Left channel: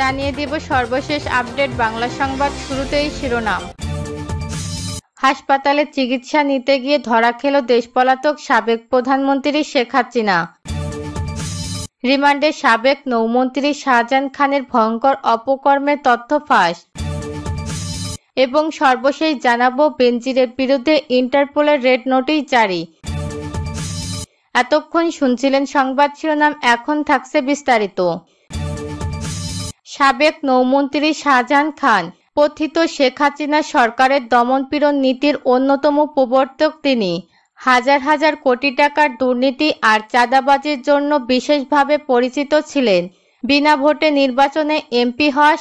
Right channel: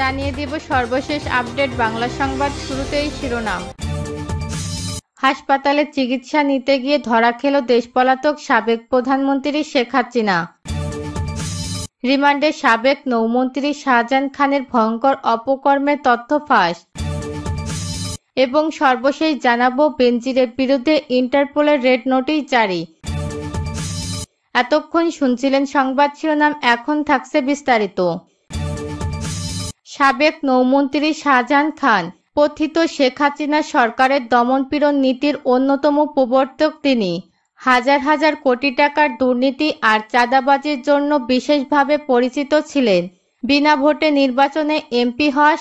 জানিয়ে দেব সর্বশেষ আপডেট বাংলা সংবাদ। শুরুতেই শিরোনাম। হাসপাতালে চিকিৎসা নিতে গিয়ে ধরা খেল দেশপলাতক সাবেক প্রধানমন্ত্রী শেখ হাসিনা। রিমান্ডে সাবেক নৌমন্ত্রী শাহজাহান খানের ভয়ঙ্কর অপকর্মের তথ্য ফাঁস। এবং সর্বশেষ জানাবো বেনজিরের বিরুদ্ধে ইন্টারপোলের রেড নোটিশ জারি। এতক্ষণ শুনছিলেন সংবাদ শিরোনাম, এখন থাকছে বিস্তারিত। সাবেক নৌমন্ত্রী শাহজাহান খান কথিত শেখ হাসিনা সরকারের দমনপীড়ন নীতির অন্যতম প্রবর্তক তিনি। হাজার হাজার কোটি টাকার দুর্নীতি আর চাঁদাবাজির জন্য বিশেষভাবে পরিচিত ছিলেন। বিনা ভোটে নির্বাচনে এমপি হওয়া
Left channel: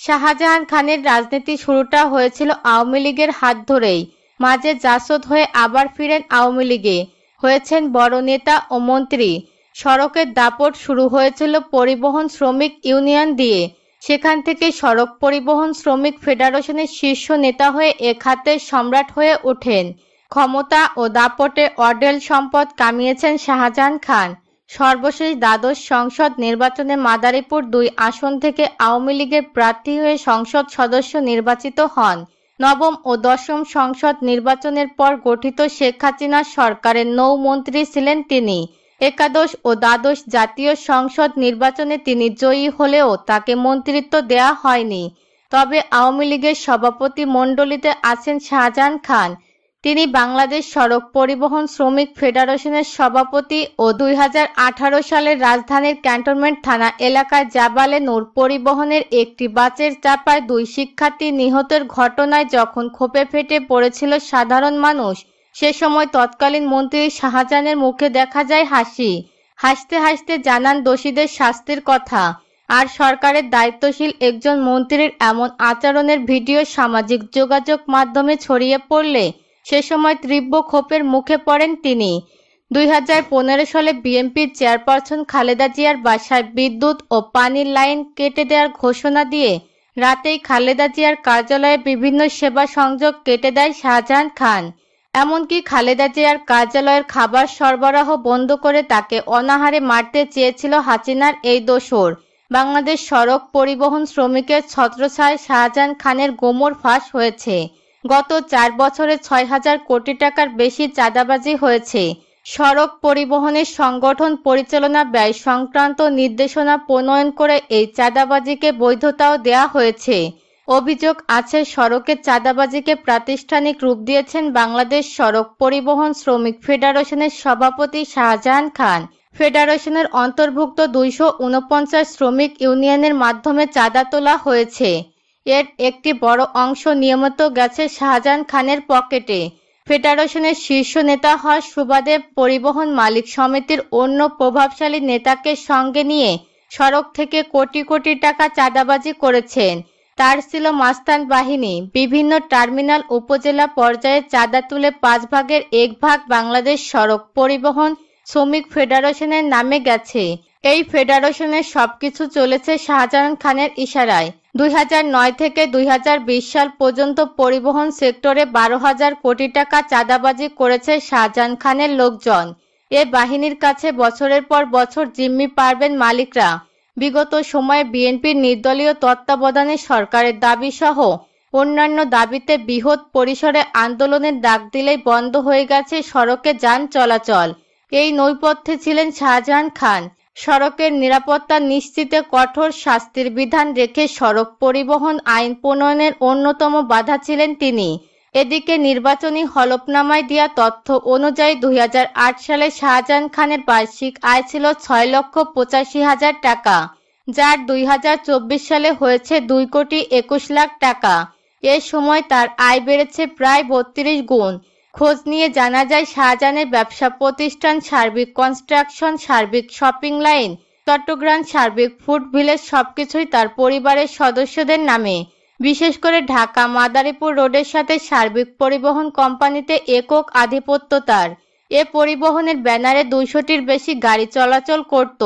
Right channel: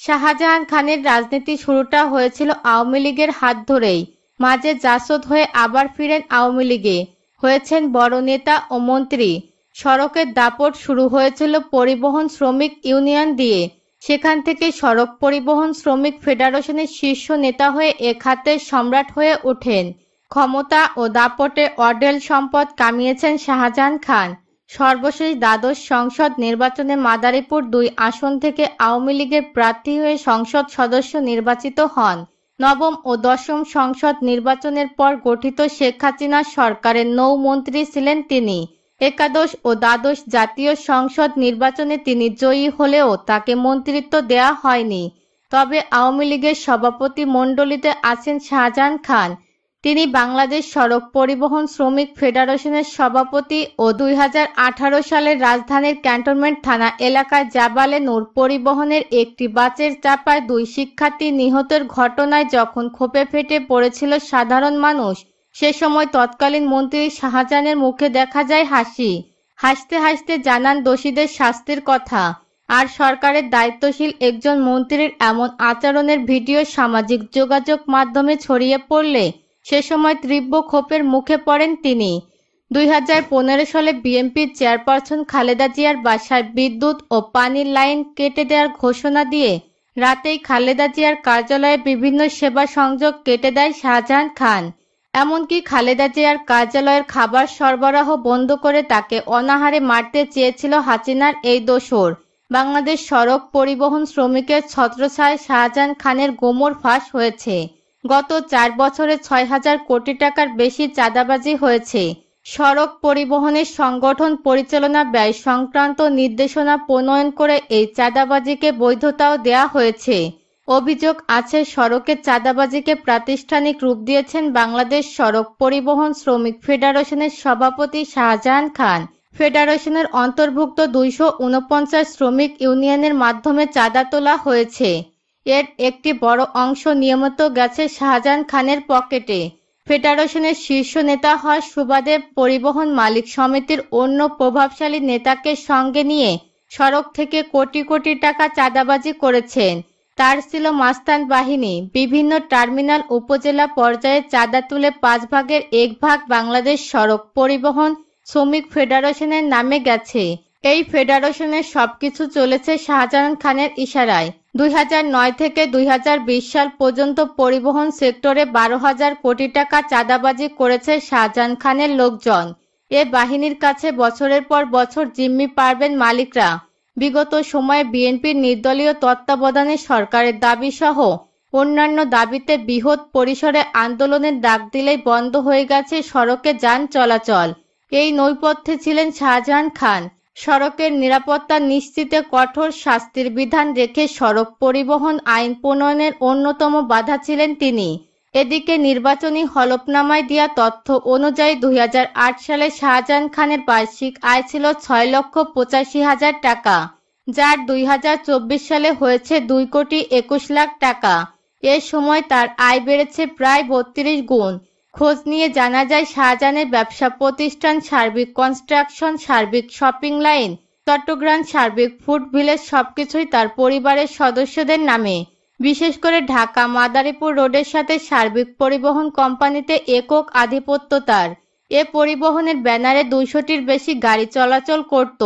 শাহজাহান খানের রাজনীতি শুরুটা হয়েছিল আওয়ামী লীগের হাত ধরেই। মাঝে জাসদ হয়ে আবার ফিরেন আওয়ামী লীগে, হয়েছেন বড় নেতা ও মন্ত্রী। সড়কের দাপট শুরু হয়েছিল পরিবহন শ্রমিক ইউনিয়ন দিয়ে, সেখান থেকে সড়ক পরিবহন শ্রমিক ফেডারেশনের শীর্ষ নেতা হয়ে এ খাতের সম্রাট হয়ে ওঠেন। ক্ষমতা ও দাপটে অঢেল সম্পদ কামিয়েছেন শাহজাহান খান। সর্বশেষ দ্বাদশ সংসদ নির্বাচনে মাদারীপুর 2 আসন থেকে আওয়ামী লীগের প্রার্থী হয়ে সংসদ সদস্য নির্বাচিত হন। নবম ও দশম সংসদ নির্বাচনের পর গঠিত শেখ হাসিনা সরকারের নৌমন্ত্রী ছিলেন তিনি। একাদশ ও দ্বাদশ জাতীয় সংসদ নির্বাচনে তিনি জয়ী হলেও তাকে মন্ত্রিত্ব দেয়া হয়নি। তবে আওয়ামী লীগের সভাপতি মণ্ডলীতে আছেন শাহজাহান খান। তিনি বাংলাদেশ সড়ক পরিবহন শ্রমিক ফেডারেশনের সভাপতি ও 2018 সালের রাজধানীর ক্যান্টনমেন্ট থানা এলাকায় জাবালে নূর পরিবহনের একটি বাসের চাপায় 2 শিক্ষার্থী নিহতের ঘটনায় যখন ক্ষোভে ফেটে পড়েছিল সাধারণ মানুষ, সে সময় তৎকালীন মন্ত্রী শাহজাহানের মুখে দেখা যায় হাসি। হাসতে হাসতে জানান দোষীদের শাস্তির কথা। আর সরকারের দায়িত্বশীল একজন মন্ত্রীর এমন আচরণের ভিডিও সামাজিক যোগাযোগ মাধ্যমে ছড়িয়ে পড়লে সে সময় তীব্র ক্ষোভের মুখে পড়েন তিনি। 2015 সালে বিএনপির চেয়ারপারসন খালেদা জিয়ার বাসায় বিদ্যুৎ ও পানির লাইন কেটে দেওয়ার ঘোষণা দিয়ে রাতেই খালেদা জিয়ার কার্যালয়ে বিভিন্ন সেবা সংযোগ কেটে দেয় শাহজাহান খান। এমনকি খালেদা জিয়ার কার্যালয়ের খাবার সরবরাহ বন্ধ করে তাকে অনাহারে মারতে চেয়েছিল হাসিনার এই দোসর। বাংলাদেশ সড়ক পরিবহন শ্রমিকের ছত্রছায়ায় শাহজাহান খানের গোমর ফাঁস হয়েছে। গত 4 বছরে 6,000 কোটি টাকার বেশি চাঁদাবাজি হয়েছে। সড়ক পরিবহনের সংগঠন পরিচালনা ব্যয় সংক্রান্ত নির্দেশনা প্রণয়ন করে এই চাঁদাবাজিকে বৈধতাও দেওয়া হয়েছে। অভিযোগ আছে সড়কের চাঁদাবাজিকে প্রাতিষ্ঠানিক রূপ দিয়েছেন বাংলাদেশ সড়ক পরিবহন শ্রমিক ফেডারেশনের সভাপতি শাহজাহান খান। ফেডারেশনের অন্তর্ভুক্ত 249 শ্রমিক ইউনিয়নের মাধ্যমে চাঁদা তোলা হয়েছে। এর একটি বড় অংশ নিয়মিত গেছে শাহজাহান খানের পকেটে। ফেডারেশনের শীর্ষ নেতা হওয়ার সুবাদে পরিবহন মালিক সমিতির অন্য প্রভাবশালী নেতাকে সঙ্গে নিয়ে সড়ক থেকে কোটি কোটি টাকা চাঁদাবাজি করেছেন। তার ছিল মাস্তান বাহিনী। বিভিন্ন টার্মিনাল উপজেলা পর্যায়ে চাঁদা তুলে 5 ভাগের 1 ভাগ বাংলাদেশ সড়ক পরিবহন শ্রমিক ফেডারেশনের নামে গেছে। এই ফেডারেশনের সবকিছু চলেছে শাহজাহান খানের ইশারায়। 2009 থেকে 2020 সাল পর্যন্ত পরিবহন সেক্টরে 12,000 কোটি টাকা চাঁদাবাজি করেছে শাহজাহান খানের লোকজন। এ বাহিনীর কাছে বছরের পর বছর জিম্মি পারবেন মালিকরা। বিগত সময়ে বিএনপির নির্দলীয় তত্ত্বাবধানে সরকারের দাবি সহ অন্যান্য দাবিতে বৃহৎ পরিসরে আন্দোলনের ডাক দিলেই বন্ধ হয়ে গেছে সড়কে যান চলাচল। এই নৈপথ্যে ছিলেন শাহজাহান খান। সড়কের নিরাপত্তা নিশ্চিতে কঠোর শাস্তির বিধান রেখে সড়ক পরিবহন আইন প্রণয়নের অন্যতম বাধা ছিলেন তিনি। এদিকে নির্বাচনী হলফনামায় দেওয়া তথ্য অনুযায়ী 2008 সালে শাহজাহান খানের বার্ষিক আয় ছিল 6,85,000 টাকা, যার 2024 সালে হয়েছে 2,21,00,000 টাকা। এ সময় তার আয় বেড়েছে প্রায় 32 গুণ। খোঁজ নিয়ে জানা যায় শাহজাহানের ব্যবসা প্রতিষ্ঠান সার্বিক কনস্ট্রাকশন, সার্বিক শপিং লাইন, চট্টগ্রাম সার্বিক ফুড ভিলেজ সবকিছুই তার পরিবারের সদস্যদের নামে। বিশেষ করে ঢাকা মাদারীপুর রোডের সাথে সার্বিক পরিবহন কোম্পানিতে একক আধিপত্য তার। এ পরিবহনের ব্যানারে 200টির বেশি গাড়ি চলাচল করত।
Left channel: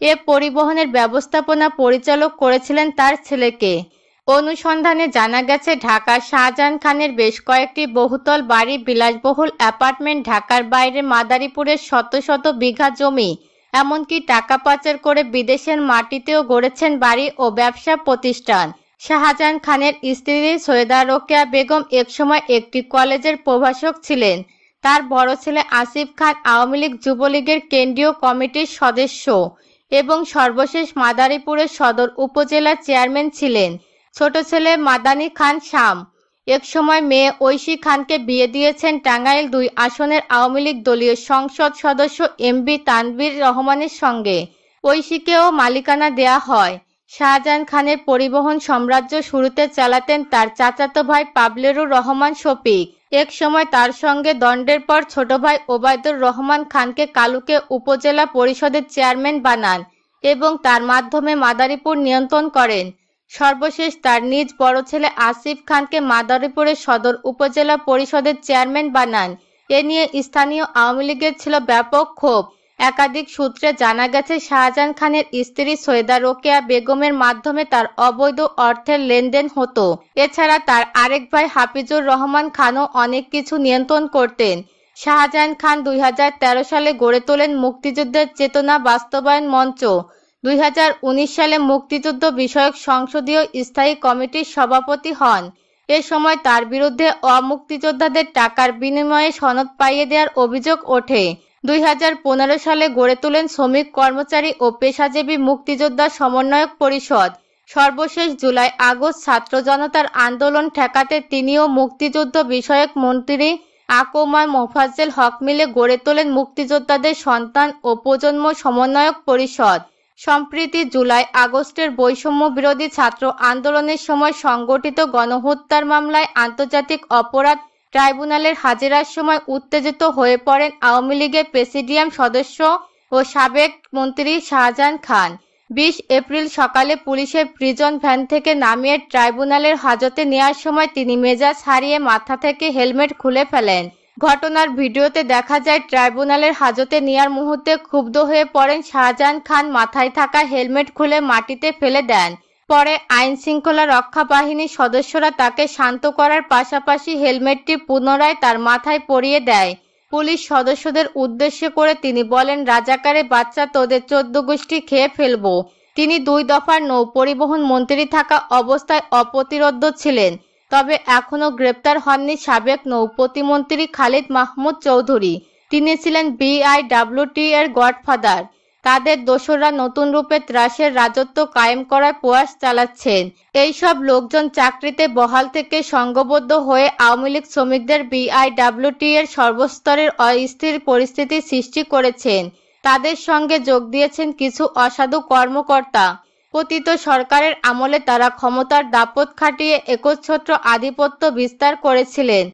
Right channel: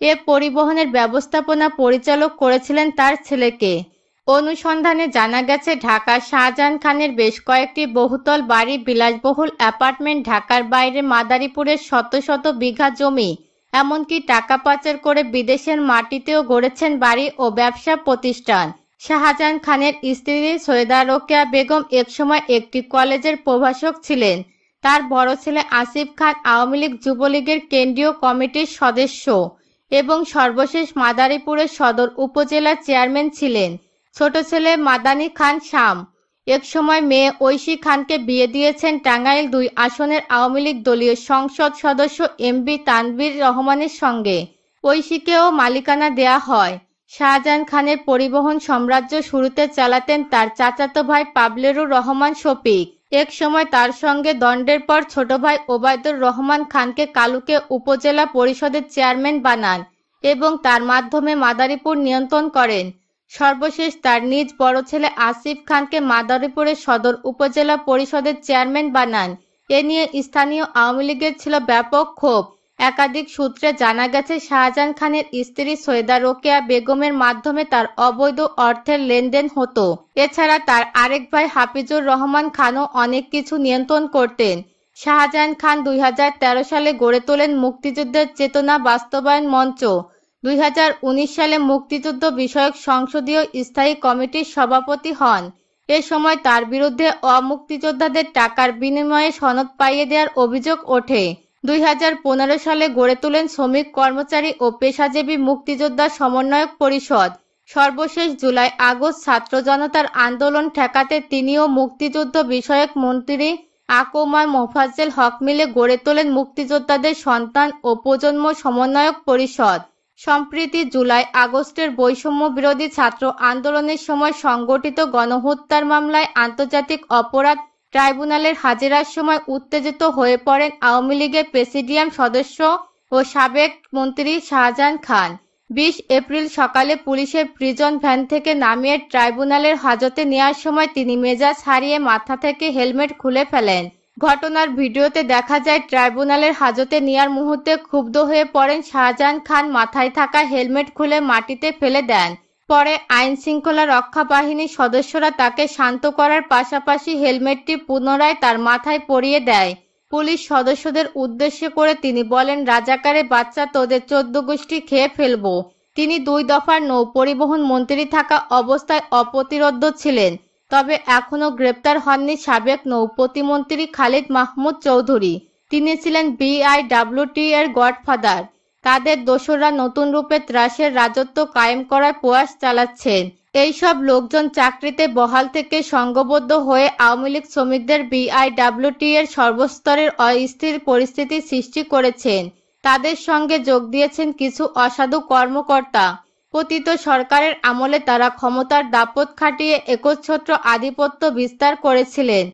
এ পরিবহনের ব্যবস্থাপনা পরিচালক করেছিলেন তার ছেলেকে। অনুসন্ধানে জানা গেছে ঢাকার শাহজাহান খানের বেশ কয়েকটি বহুতল বাড়ি, বিলাসবহুল অ্যাপার্টমেন্ট, ঢাকার বাইরে মাদারীপুরের শত শত বিঘা জমি এমনকি টাকা পাচার করে বিদেশের মাটিতেও গড়েছেন বাড়ি ও ব্যবসা প্রতিষ্ঠান। শাহজাহান খানের স্ত্রী সৈয়দা রোকেয়া বেগম একসময় একটি কলেজের প্রভাষক ছিলেন। তার বড় ছেলে আসিফ খান আওয়ামী লীগ যুবলীগের কেন্দ্রীয় কমিটির সদস্য এবং সর্বশেষ মাদারীপুরের সদর উপজেলার চেয়ারম্যান ছিলেন। ছোট ছেলে মাদানী খান শাম একসময় মেয়ে ঐশী খানকে বিয়ে দিয়েছেন টাঙ্গাইল ২ আসনের আওয়ামী লীগ দলীয় সংসদ সদস্য এমবি তানভীর রহমানের সঙ্গে। ঐশীকেও মালিকানা দেয়া হয়। শাহজাহান খানের পরিবহন সাম্রাজ্য শুরুতে চালাতেন তার চাচাতো ভাই পাবলেরুর রহমান শফিক। এক সময় তার সঙ্গে দ্বন্দ্বের পর ছোট ভাই ওবায়দুর রহমান খানকে কালুকে উপজেলা পরিষদের চেয়ারম্যান বানান এবং তার মাধ্যমে মাদারীপুর নিয়ন্ত্রণ করেন। সর্বশেষ তার নিজ বড় ছেলে আসিফ খানকে মাদারীপুরের সদর উপজেলা পরিষদের চেয়ারম্যান বানান। এ নিয়ে স্থানীয় আওয়ামী লীগের ছিল ব্যাপক ক্ষোভ। একাধিক সূত্রে জানা গেছে শাহজাহান খানের স্ত্রী সৈয়দা রোকেয়া বেগমের মাধ্যমে তার অবৈধ অর্থের লেনদেন হতো। এছাড়া তার আরেক ভাই হাফিজুর রহমান খানও অনেক কিছু নিয়ন্ত্রণ করতেন। শাহজাহান খান ২০১৩ সালে গড়ে তোলেন মুক্তিযুদ্ধের চেতনা বাস্তবায়ন মঞ্চ। ২০১৯ সালে মুক্তিযুদ্ধ বিষয়ক সংসদীয় স্থায়ী কমিটির সভাপতি হন। এ সময় তার বিরুদ্ধে অমুক্তিযোদ্ধাদের টাকার বিনিময়ে সনদ পাইয়ে দেওয়ার অভিযোগ ওঠে। ২০১৫ সালে গড়ে তোলেন শ্রমিক কর্মচারী ও পেশাজীবী মুক্তিযোদ্ধা সমন্বয়ক পরিষদ। সর্বশেষ জুলাই আগস্ট ছাত্র জনতার আন্দোলন ঠেকাতে তিনিও মুক্তিযুদ্ধ বিষয়ক মন্ত্রী আকমা মোফাজ্জেল হক মিলে গড়ে তোলেন মুক্তিযোদ্ধাদের সন্তান ও প্রজন্ম সমন্বয়ক পরিষদ। সম্প্রতি জুলাই আগস্টের বৈষম্য বিরোধী ছাত্র আন্দোলনের সময় সংগঠিত গণহত্যার মামলায় আন্তর্জাতিক অপরাধ ট্রাইব্যুনালের হাজিরার সময় উত্তেজিত হয়ে পড়েন আওয়ামী লীগের প্রেসিডিয়াম সদস্য ও সাবেক মন্ত্রী শাহজাহান খান। ২০ এপ্রিল সকালে পুলিশের প্রিজন ভ্যান থেকে নামিয়ে ট্রাইব্যুনালের হাজতে নেওয়ার সময় তিনি মেজাজ হারিয়ে মাথা থেকে হেলমেট খুলে ফেলেন। ঘটনার ভিডিওতে দেখা যায় ট্রাইব্যুনালের হাজতে নেওয়ার মুহূর্তে ক্ষুব্ধ হয়ে পড়েন শাহজাহান খান মাথায় থাকা হেলমেট খুলে মাটিতে ফেলে দেন। পরে আইন শৃঙ্খলা রক্ষা বাহিনীর সদস্যরা তাকে শান্ত করার পাশাপাশি হেলমেটটি পুনরায় তার মাথায় পরিয়ে দেয়। পুলিশ সদস্যদের উদ্দেশ্য করে তিনি বলেন, রাজাকারে বাচ্চা তোদের ১৪ গোষ্ঠী খেয়ে ফেলবো। তিনি ২ দফার নৌ পরিবহন মন্ত্রী থাকা অবস্থায় অপ্রতিরোধ্য ছিলেন। তবে এখনো গ্রেপ্তার হননি সাবেক নৌ প্রতিমন্ত্রী খালিদ মাহমুদ চৌধুরী। তিনি ছিলেন বিআইডব্লিউটি এর গডফাদার। তাদের দোসররা নতুন রূপে ত্রাসের রাজত্ব কায়েম করার প্রয়াস চালাচ্ছেন। এইসব লোকজন চাকরিতে বহাল থেকে সংঘবদ্ধ হয়ে আওয়ামী লীগ শ্রমিকদের বিআইডব্লিউটি এর সর্বস্তরের অস্থির পরিস্থিতি সৃষ্টি করেছেন। তাদের সঙ্গে যোগ দিয়েছেন কিছু অসাধু কর্মকর্তা। পতিত সরকারের আমলে তারা ক্ষমতার দাপট খাটিয়ে একচ্ছত্র আধিপত্য বিস্তার করেছিলেন।